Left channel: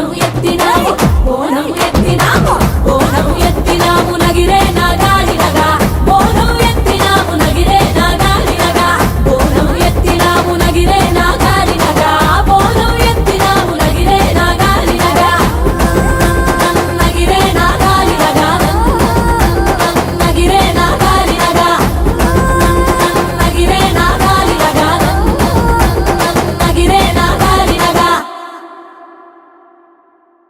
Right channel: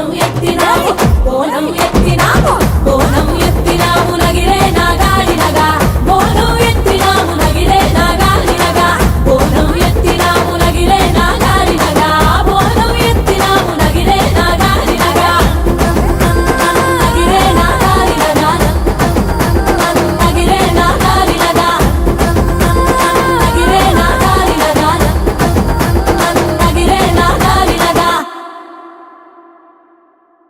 బోనం ఎత్తినాము బోనం ఎత్తినాము బోనం ఎత్తినాము నగిరే నాగాలి నగా బోనం ఎత్తినాము నగిరే నాగాలి నగా బోనం ఎత్తినాము నగిరే నాగా